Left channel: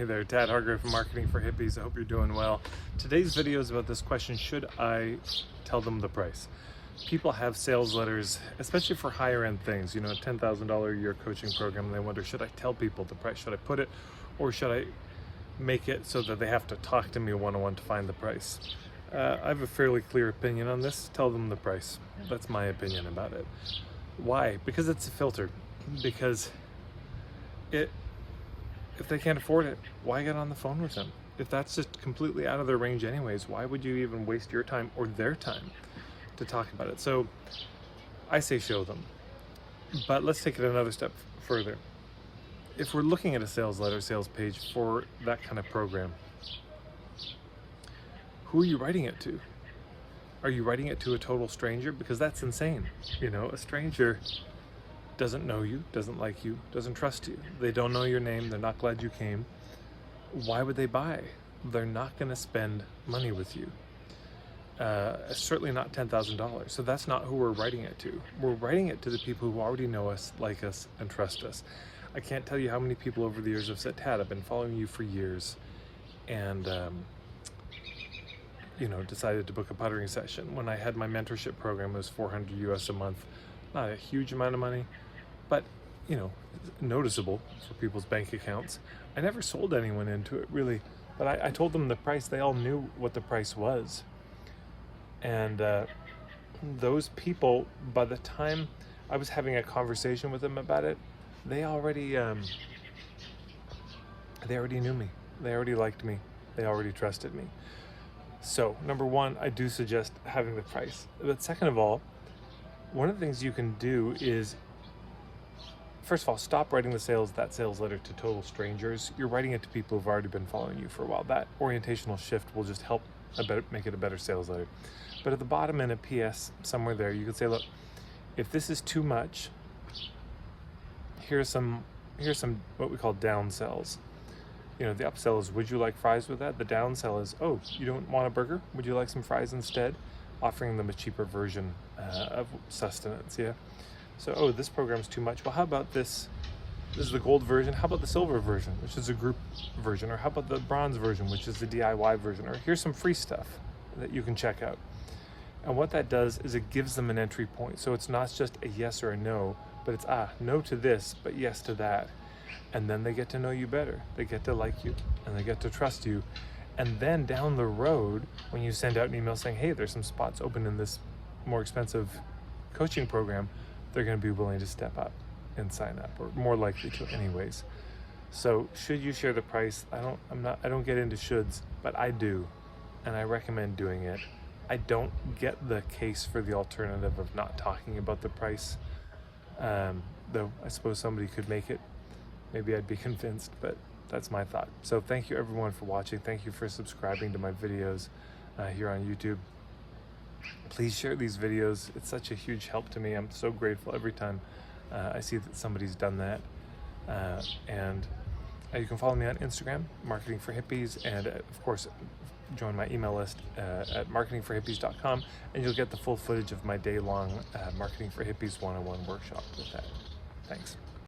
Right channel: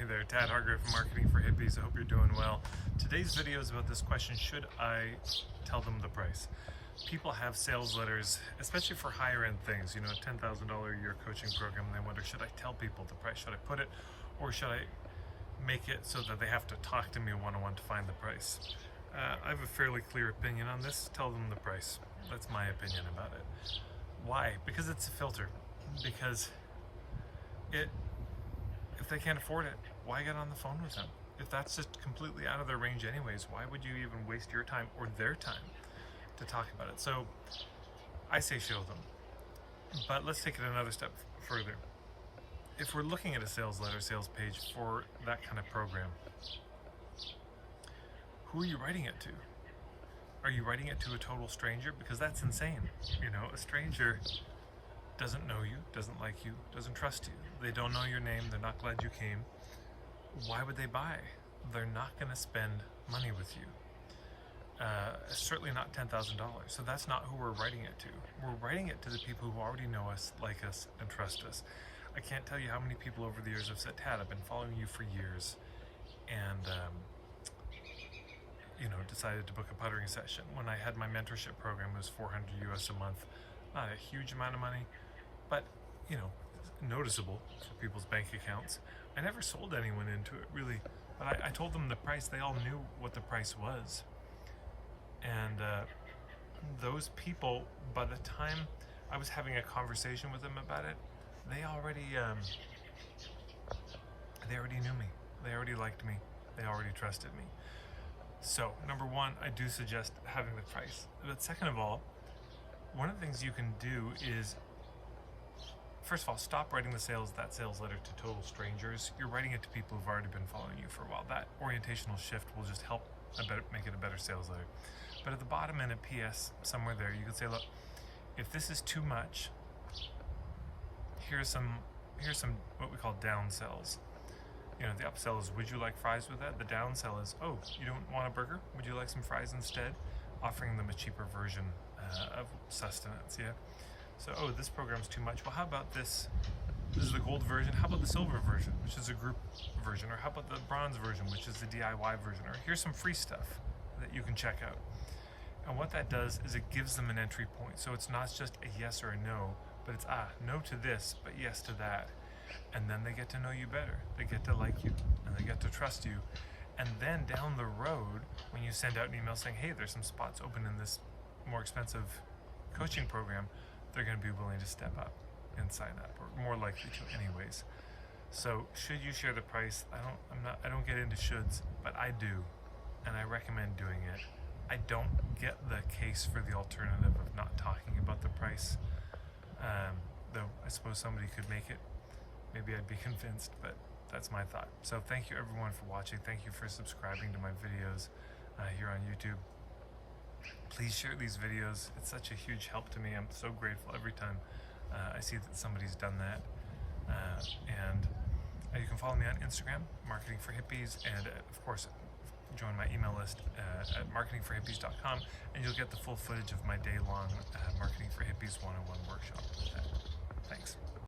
Hey there, Tad Hargrave from Marketing for Hippies. I hope you're doing well. Today's video is about this question: should I tell them the price? People have sales letters, especially for higher end things, you know, a $10,000 a year coaching program, and they wonder, should I tell people the price? Should I put it, or should I make it so that they have to talk to me one-on-one to find the price? I have a fairly clear opinion on this. Tell them the price. That's my opinion about it. Why? Because it's a filter. Because if they can't afford it, why get on the phone with them? If that's just completely out of their range anyways, why would you even waste your time or their time to talk about it? So I say show them. But let's take it another step further. If we're looking at a sales letter, sales page for that kind of program, who are you writing it to? Are you writing it to a total stranger? Because that's insane. You know, a stranger doesn't know you, doesn't like you, doesn't trust you. They don't know your name, they're not glad you came. Why would they buy? They're not gonna spend money with you. Certainly not $10,000. So that's not who we're writing it to. We're writing it to the people who already know us, like us, and trust us. I can't tell you how many people over the years have said, Tad, I've been following you for years, and you know, decided to book a puttering session. When I had my mentorship program, it was $400 US a month. Not a huge amount of money, but you know, noticeable for people's bank accounts. I never sold anyone into it really, but I told them the price. They all knew what the price was. And those people, by the time I was having a conversation with them about it, they already knew me. They already liked me. They already trusted me. So number one, I do suggest having the price. But second of all, one of the things you can do is, first of all, stop writing that sales letter to total strangers. You're writing it to people who've already been following you for a while. That orientational shift will just help make it a better sales letter. But at the bottom in a PS somewhere there, you can say, look, if this is too much, here's some what we call downsells. You know, the upsell is, would you like fries with that? The downsell is, oh, you don't want a burger? Would you like some fries instead? Offering them a cheaper version of sustenance, yeah? So, oh, this program's too much. Well, how about this? This is the gold version. How about the silver version, which is a group version? Or how about the bronze version, which is the DIY version? Or here's some free stuff that you can check out. And what that does is it gives them an entry point. So it's not just a yes or a no, but it's, no to this, but yes to that. And then they get to know you better. They get to like you, and they get to trust you. And then down the road, when you send out an email saying, hey, there's some spots open in this more expensive coaching program, they're going to be willing to step up and sign up, or more likely to anyways. So should you share the price? I don't get into shoulds, but I do, and I recommend doing it. I don't get the case for the alternative of not talking about the price, though I suppose somebody could make it. Maybe I'd be convinced, but that's my thought. So thank you everyone for watching. Thank you for subscribing to my videos here on YouTube. Please share these videos. It's such a huge help to me. I'm so grateful every time I see that somebody's done that. And you can follow me on Instagram, Marketing for Hippies, and of course, join my email list at marketingforhippies.com, and you'll get the full footage of my day-long Marketing for Hippies 101 workshop with that. Thanks.